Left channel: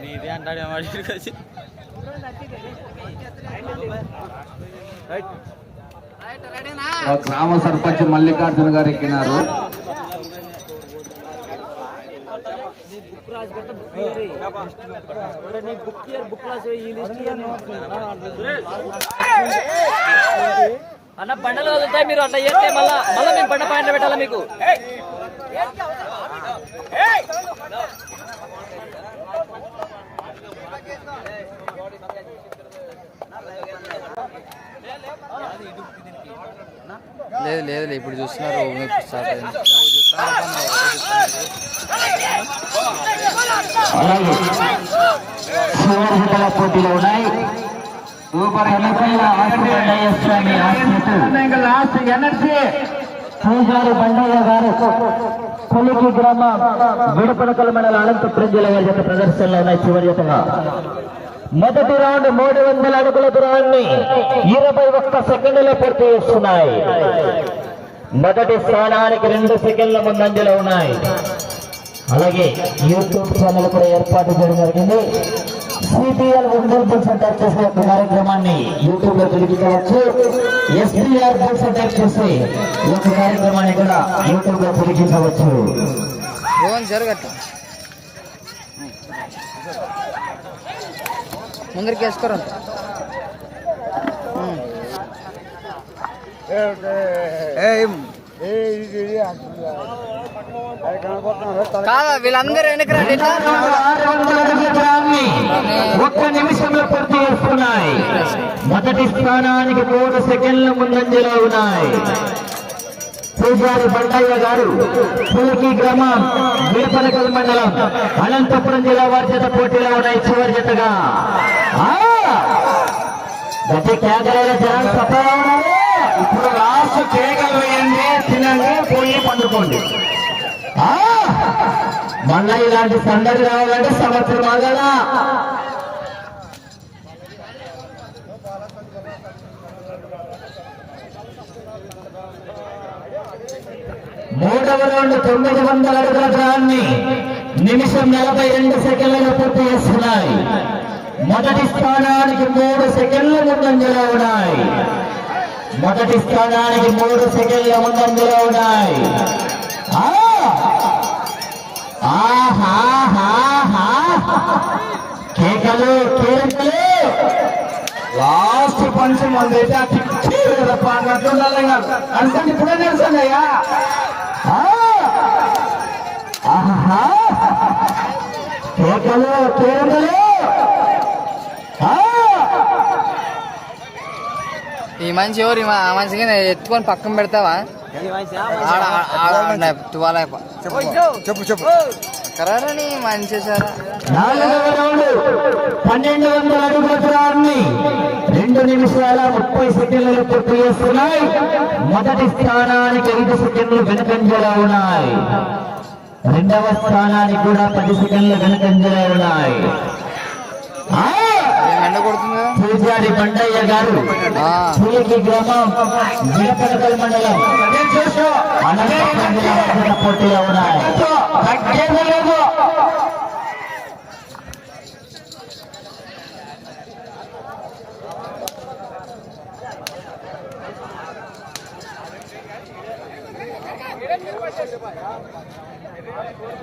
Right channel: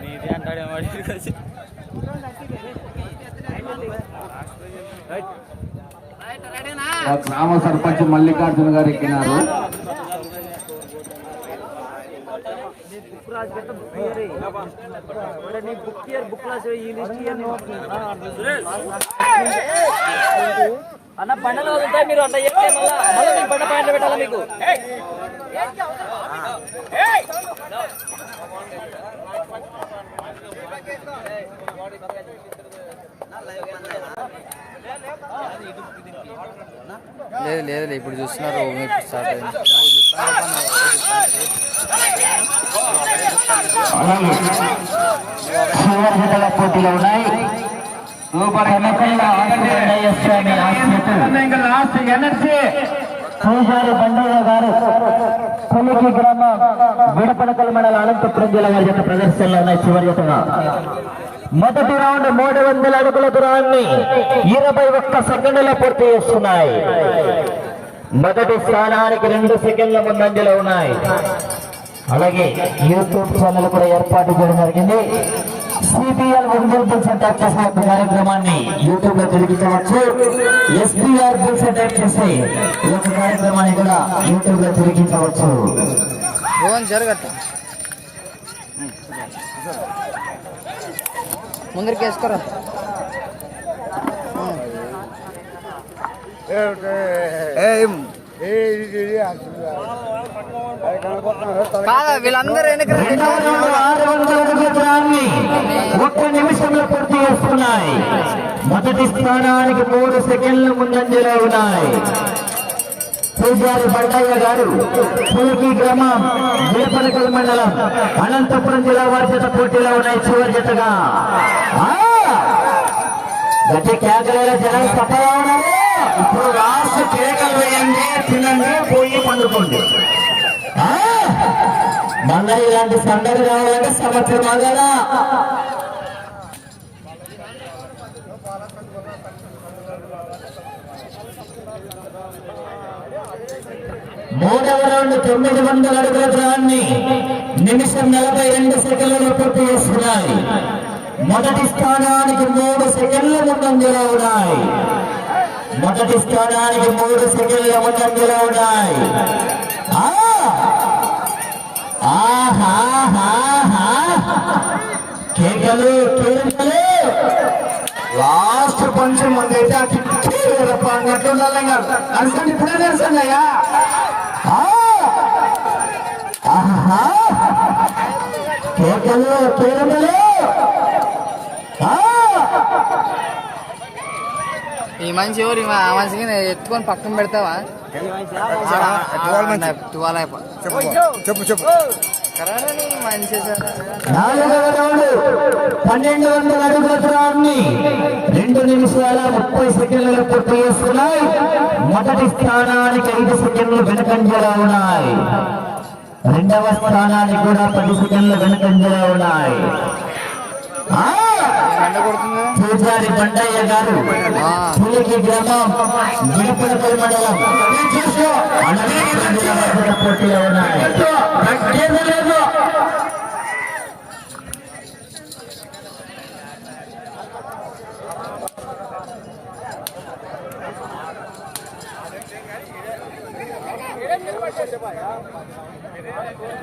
నీదే అంటాడేమో అడిగి వచ్చి గ్రామ సర్పంచ్ మల్లికార్జున గారు ఎక్కినారు బుక్ బుక్ అన్న బండలు వదులుతాయి మీరు అట్లా చేస్తే మళ్ళా మళ్ళీ మేము బండ పాయింట్లు పెట్టాలా మీకు? లేదు లేదు ఇప్పుడు చూస్తున్నారు మీకు స్టార్ట్ అయింది. పోటీలు ఉన్నాయి. పూజారి బండయ్య గారు కొలికి గ్రామ విడపనకుల మండల అనంతపురం జిల్లా వారి యొక్క ప్రదర్శనలో ఉన్నాయి చివరి యొక్క మొదటి రౌండ్ మూడు వందల అడుగుల దూరాన్ని ఇరవై ఒక్క సెకండ్లో పూర్తి చేస్తున్నాయి మొదటి స్థానానికి రెండు సెకండ్ల ముందంజలో ఉన్నాయి అలాగే యూట్యూబ్ ఛానల్ కూడా ఏర్పాటు చేయడం జరిగింది సిపిఎల్ ఒంగోలు బుల్స్ అటాక్ చేసే ఒక కార్యక్రమాన్ని యూట్యూబ్ లో తిరిగించవచ్చు ఎస్పీఆర్ బుల్స్ అటాక్ చేసే ఒక కార్యక్రమాన్ని కూడా యూట్యూబ్ లో తిరిగించవచ్చు భువన్ జరగట్ట ముందరికి వేసుకోరా కాదా వీళ్ళందరూ ఒక్క నిమిషంలో పూర్తి చేస్తున్నాయి. మొదటి స్థానానికి మూడు సెకండ్ల ముందంజలో ఉన్నాయి. పూజారి బండయ్య గారు పులికి గ్రామం వేపనకల్ మండలం అనంతపురం జిల్లా వారి జత పోటీలో ఉన్నాయి చివరి జతగా! గట్టి కేంద్రాల సఫా ఉన్నారు. ఇప్పుడు లాస్ట్ కేక వేయండి పోయి పండుకోండి. మళ్ళా ఇలాంటి సందడి రావాలంటే సంవత్సరం ఆగాలా. మూడవ రౌండ్ తొమ్మిది వందల అడుగుల దూరాన్ని నిమిషం నలభై రెండు సెకండ్లలో పూర్తి చేస్తున్నాయి. మొదటి స్థానానికి మూడు సెకండ్ల ముందంజలో ఉన్నాయి. మొదటి స్థానానికి మూడు సెకండ్ల ముందంజలో ఉన్నాయి. కేకలు కేకలు లాస్ట్ ఫంక్షన్ మంది అయితే అన్నట్టు ఇప్పుడే తెలుసండియా కేకలు కేకలు ఆ! ఈ మనిషి ఎవరు? ఈ మ- ఆ మనిషికి ఎత్తుకొని పక్కన పెడతావా? తువాల చెప్పు చెప్పు సార్. పన్నెండు వందల అడుగుల దూరాన్ని రెండు నిమిషాల ముప్పై సెకండ్లలో పూర్తి చేస్తున్నాయి. మొదటి స్థానానికి ఐదు సెకండ్లు వెనకంజలో ఉన్నాయి. రెండవ స్థానానికి కూడా పది సెకండ్లు వెనకంజలో ఉన్నాయి. పూజారి బండయ్య గారు ఆ. పులికి గ్రామం విడపడకల్ మండలం అనంతపురం జిల్లా మధ్య పోటీలో ఉన్నాయి తగ్గేది లేదు.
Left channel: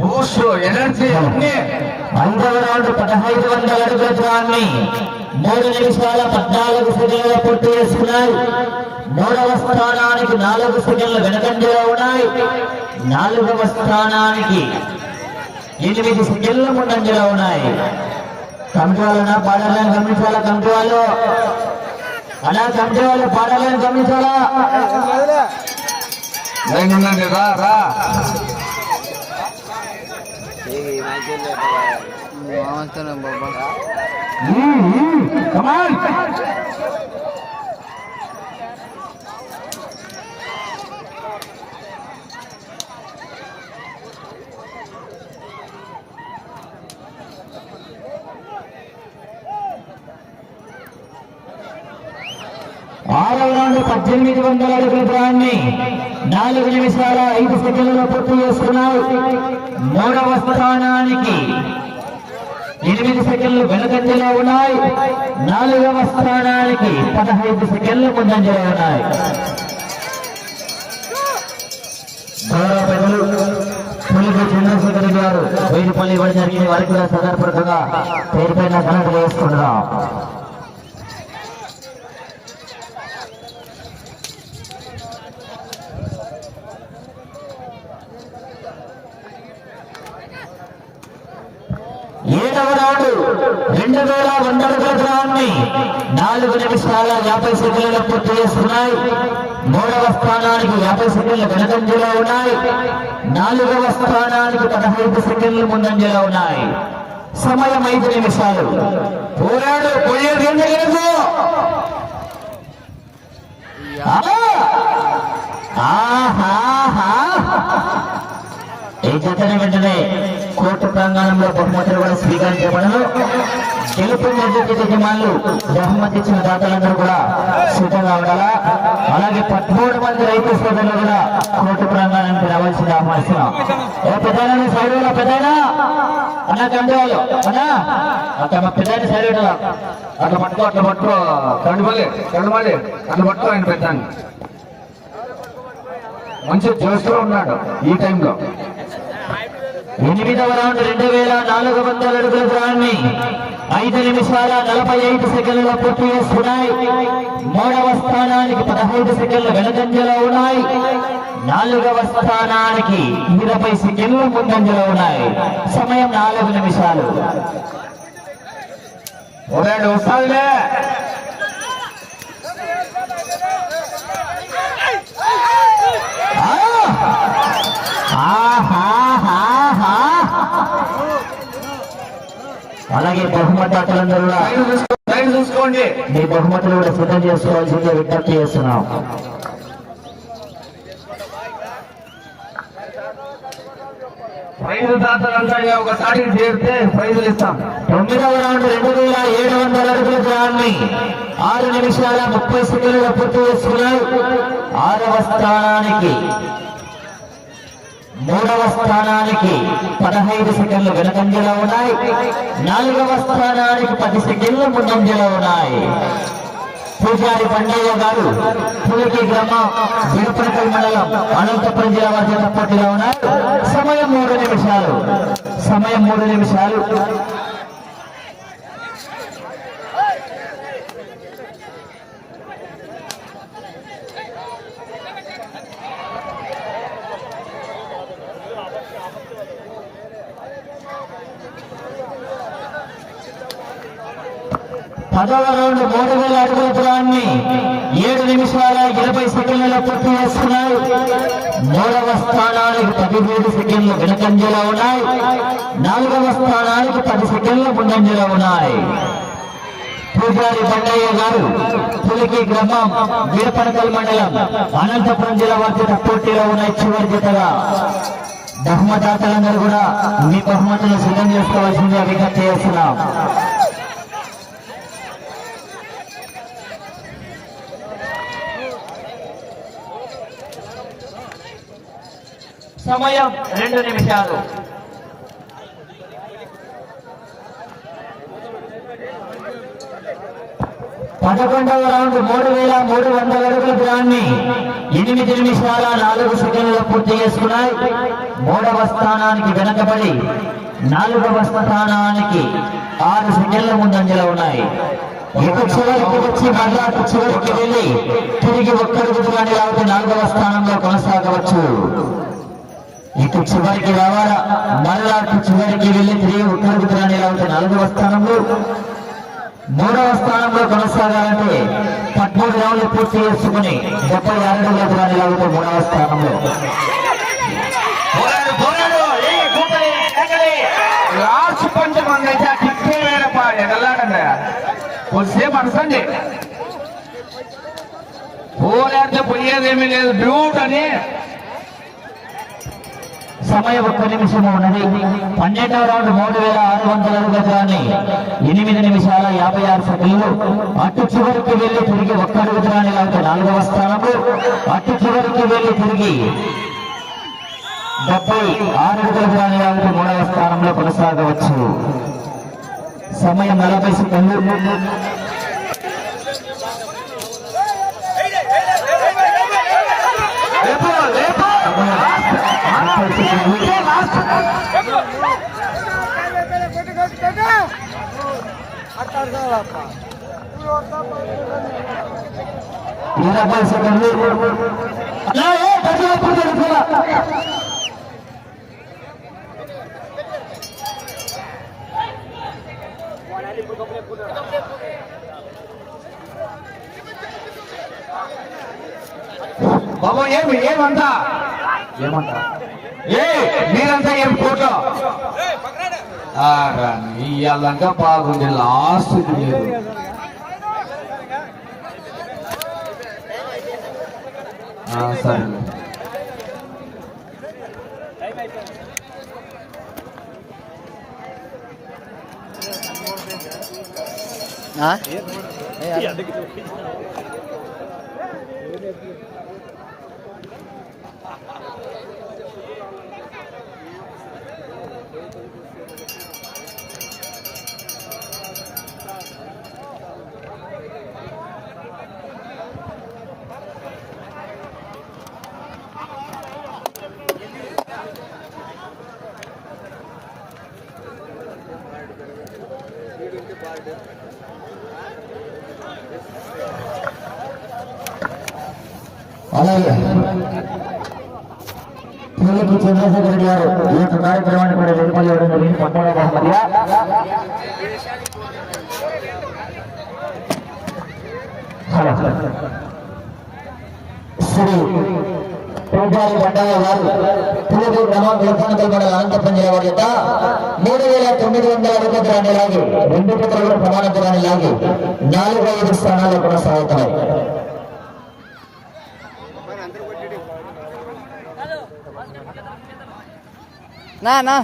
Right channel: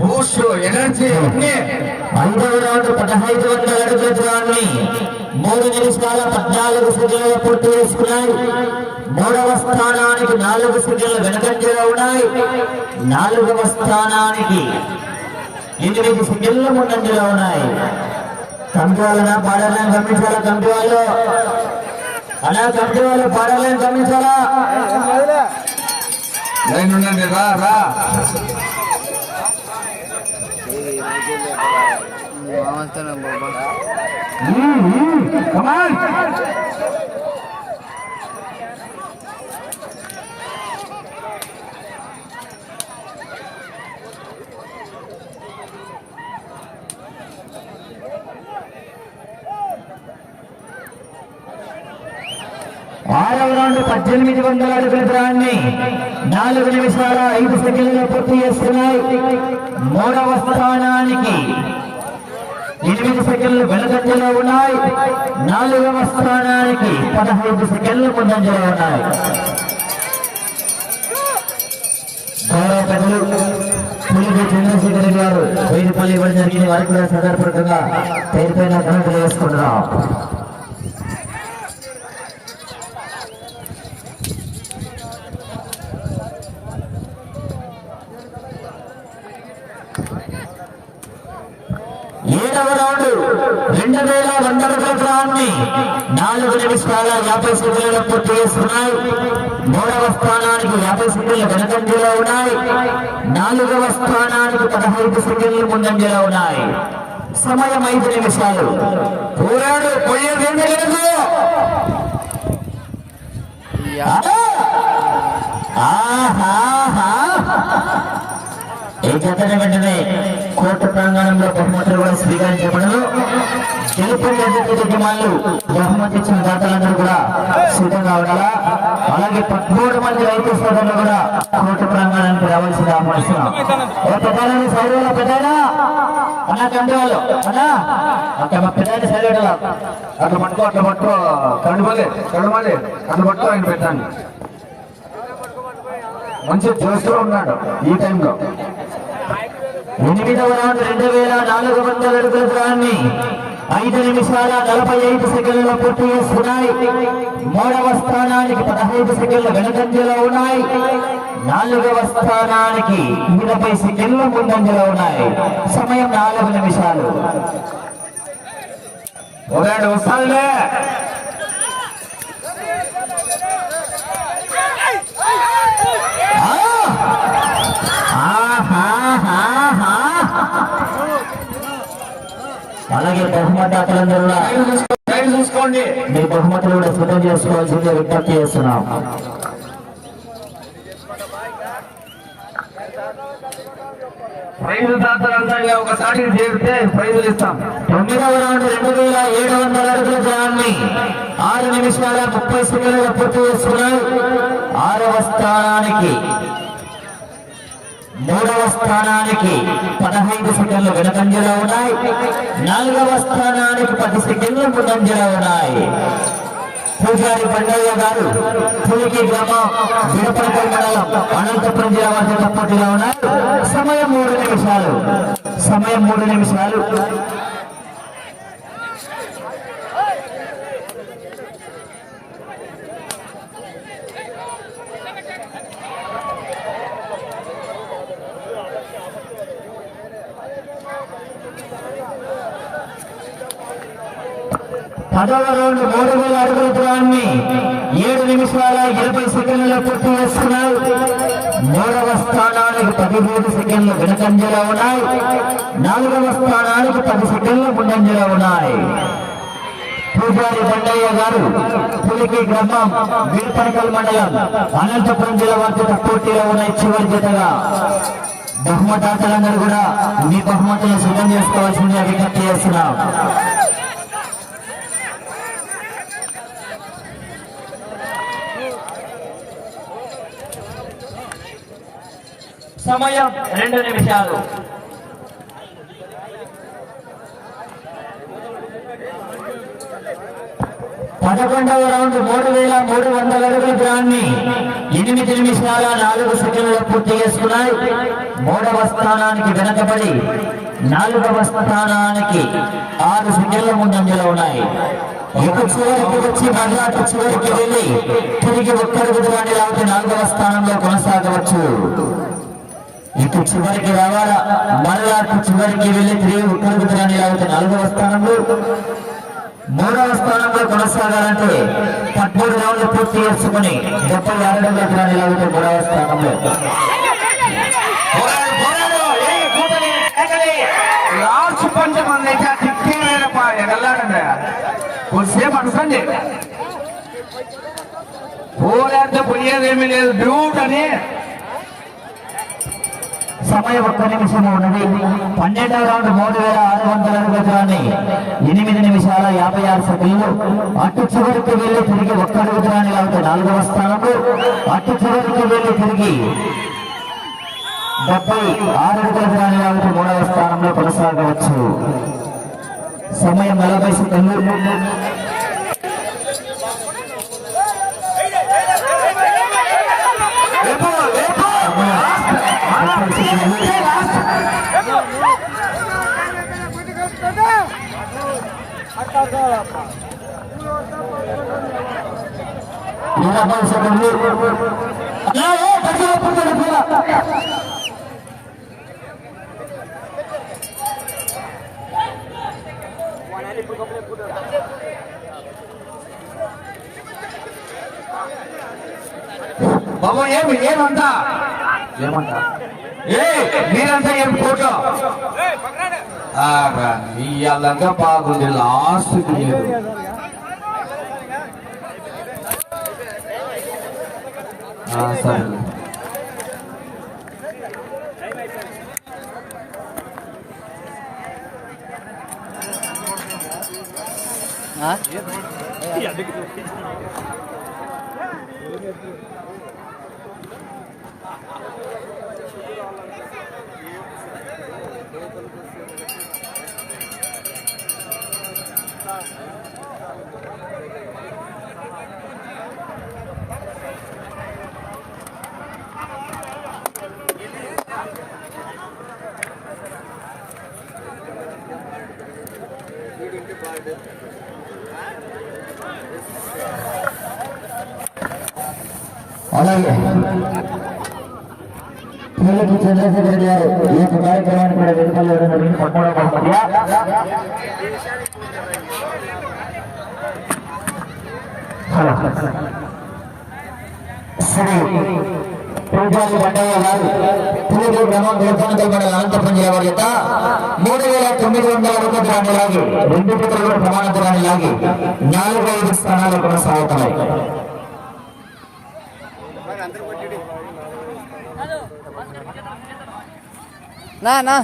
బూస్ట్ ఎనర్జీ అన్ని. ఐదవ రౌండ్ పదహైదు వందల అడుగుల దూరాన్ని మూడు నిమిషాల పద్నాలుగు సెకండ్ల పూర్తి చేసుకున్నాయి. మూడవ స్థానానికి నాలుగు సెకండ్లు వెనకంజలో ఉన్నాయి. నాలుగవ స్థానానికి ఎనిమిది సెకండ్ల ముందంజలో ఉన్నాయి. కమిటీ వాళ్ళనా పాడాలని గమనించాలా కమిటీ వాళ్ళు అలా కమిటీ వాళ్ళు పాడాలని గమనించాలా? నేను రా రా. బాబా మ్మ్, మ్మ్, come on. ఆరవ రౌండ్ పద్దెనిమిది వందల అడుగుల దూరాన్ని నాలుగు నిమిషాల ఐదు సెకండ్లలో పూర్తి చేస్తున్నాయి. మూడవ స్థానానికి ఎనిమిది సెకండ్లు వెనుకంజలో ఉన్నాయి. నాలుగవ స్థానానికి పదహైదు సెకండ్లు ముందంజలో ఉన్నాయి. చంద్రశేఖర్ గారు వేలుపల్లి ఇవ్వడం జరిగింది వారికి కూడా సదర్పకంగా పేరు పైన ఘనతలు వేసుకుంటున్నాం రెండు వేల వంద అడుగుల నాలుగు నిమిషాల యాభై సెకండ్లలో పూర్తి చేస్తున్నాయి. మూడవ స్థానానికి యాభై సెకండ్లు వెనకంజలో ఉన్నాయి. నాలుగవ స్థానానికి పదహైదు సెకండ్లు ముందంజలో ఉన్నాయి. సమయం ఐదు నిమిషాలు. పోరాడు పోయేది ఏం లేదు. ఆహా! ఈ జతన వెంటనే కోర్టు ప్రాంగణంలో బహుమతులు కూడా స్వీకరించబడను డిమాండ్లు బహుమతి ఇచ్చిన దాతలందరూ కూడా సిద్ధంగా ఉండాలా? అలాగే పదమూడు మంది రైతు సోదరులు కూడా కోర్టు ప్రాంగణానికి రావాల్సిన ఆహ్వానిస్తున్నాం ఓ పెద్దలని సైడ్ వేళ పెద్దనా అన్న కండవాళ్ళు అన్నా? అంత మా పెద్ద సైడ్ అట్లా పట్టుకో అట్లా పట్టుకో. కడుమలే కడుమలే అట్లా పట్టుకో ఆయన పెద్దాన్ని. మంచి జోష్లో ఉన్నాడు ఈ టైంలో. ఎనిమిదవ రౌండ్ రెండు వేల నాలుగు వందల అడుగుల దూరాన్ని ఐదు నిమిషాల నలభై ఐదు సెకండ్ల పూర్తి చేస్తున్నాయి. మూడవ స్థానానికి పదహైదు సెకండ్ల వెనుకంజలో ఉన్నాయి. నాలుగవ స్థానానికి ఇరవై సెకండ్ల ముందంజలో ఉన్నాయి. సమయం నాలుగు నిమిషాలు. చూసుకోండి మీ బహుమతులు కూడా సిద్ధం చేసుకోవాల్సిందే విజ్ఞప్తి చేస్తున్నాం. ప్రైజ్ దాతలంతా ఒకసారి చేరితే ప్రైజులు ఇస్తాం. తొమ్మిదవ రౌండ్ రెండు వేల ఏడు వందల అడుగుల దూరాన్ని ఆరు నిమిషాల ముప్పై సెకండ్లు పూర్తి చేసుకున్నాయి ఆరవ స్థానానికి మూడవ స్థానానికి పదహైదు సెకండ్లు వెనకంజలో ఉన్నాయి. నాలుగవ స్థానానికి పది సెకండ్లు ముందంజలో ఉన్నాయి. పూజారి పండయ్య గారు పులికి గ్రామం అనంతపురం జిల్లా వారి చేత పోటీలో ఉన్నారు సమయం మూడు నిమిషాలు సమయం మూడు నిమిషాలు పదవ రౌండ్ మూడు వేల అడుగుల దూరాన్ని ఏడు నిమిషాల ఇరవై సెకండ్లలో పూర్తి చేస్తున్నారు మూడవ స్థానానికి పదిహేడు సెకండ్లు వెనకంజలో ఉన్నాయి. నాలుగవ స్థానానికి పది సెకండ్లు ముందంజలో ఉన్నాయి. పూజారి బండయ్య గారు పులికి గ్రామం వీరపనకల్ మండలం అనంతపురం జిల్లా వారి పోటీలో ఉన్న చివరి జతగా. బహుమతాతలందరూ కూడా మీ బహుమతులు సిద్ధం చేసుకోవాల్సిందే విజ్ఞప్తి చేస్తున్నాం. సమయం రెండు నిమిషాలు. పదకొండవ రౌండ్ మూడు వేల మూడు వందల అడుగుల దూరాన్ని ఎనిమిది నిమిషాల నాలుగు సెకండ్లు పూర్తి చేసుకున్నాయి. మూడవ స్థానానికి వెనకబడి నాలుగవ స్థానానికి ఆరు సెకండ్ల ముందంజలో ఉన్నాయి. ఇక చివరికి వచ్చి మరలా చివరికి వెళ్ళి తిరిగి ఒక్కరికి దూరాన్ని లాగితే నాలుగవ స్థానంలో కొనసాగవచ్చు. ఇటు చివరికి రావాలా? మరలా అటు చివరికి వెళ్ళి తిరిగి ఒక్కరికి ఎలా ఉంటే నాలుగవ స్థానంలో. మూడవ స్థానంలో కొనసాగాలంటే పదమూడు రౌండ్లు పూర్తి చేసుకుని డెబ్బై ఆరు అడుగుల ఎలా ఉంటే మూడవ స్థానంలో. కొద్దిసేపు అనుకోండి పోలేంత పోయేదేమీ లేదు. బ్యూట్ అని సమయం ఒక్క నిమిషము ఉన్నది. పన్నెండవ రౌండ్ మూడు వేల ఆరు వందల అడుగుల ఎనిమిది నిమిషాల యాభై ఆరు సెకండ్లు. అటు చివరికి వెళ్ళి తిరిగి ఒక్క అడుగు దూరాన్ని నాలుగవ స్థానము అటు చివరికి వెళ్ళి తిరిగి డెబ్బై ఆరు అడుగుల దూరాన్ని మూడవ స్థానంలో కొనసాగవచ్చు. సమయం నలభై సెకండ్లు. నలభై సెకండ్లు నా బాబా ఏమి ఏమంటా? మీరంతా ఏం ఫోటో? ఇయ్యాలంగా బాగుంది లాస్ట్ లేదు. ఆ, సరేలే ఆ? అలాగే. పిల్లలకి చంద్రశేఖర్ రెడ్డి గారు ఈ యొక్క కార్యక్రమాన్ని కూడా వెలుపల్లి ఇవ్వడం జరిగింది. పట్టుకోవడం బహుమతిగా శ్రీ పూజారి బండయ్య గారు పూజలు గ్రామం గురుపానకల్ మండల అనంతపురం జిల్లా వారి యొక్క మూడు వేల తొమ్మిది వందల రెండు పత్రాలు ప్రమాణ దూరాన్ని లాగి నాలుగు ఐదు స్థానాలు కొనసాగుతున్నాయి ના ના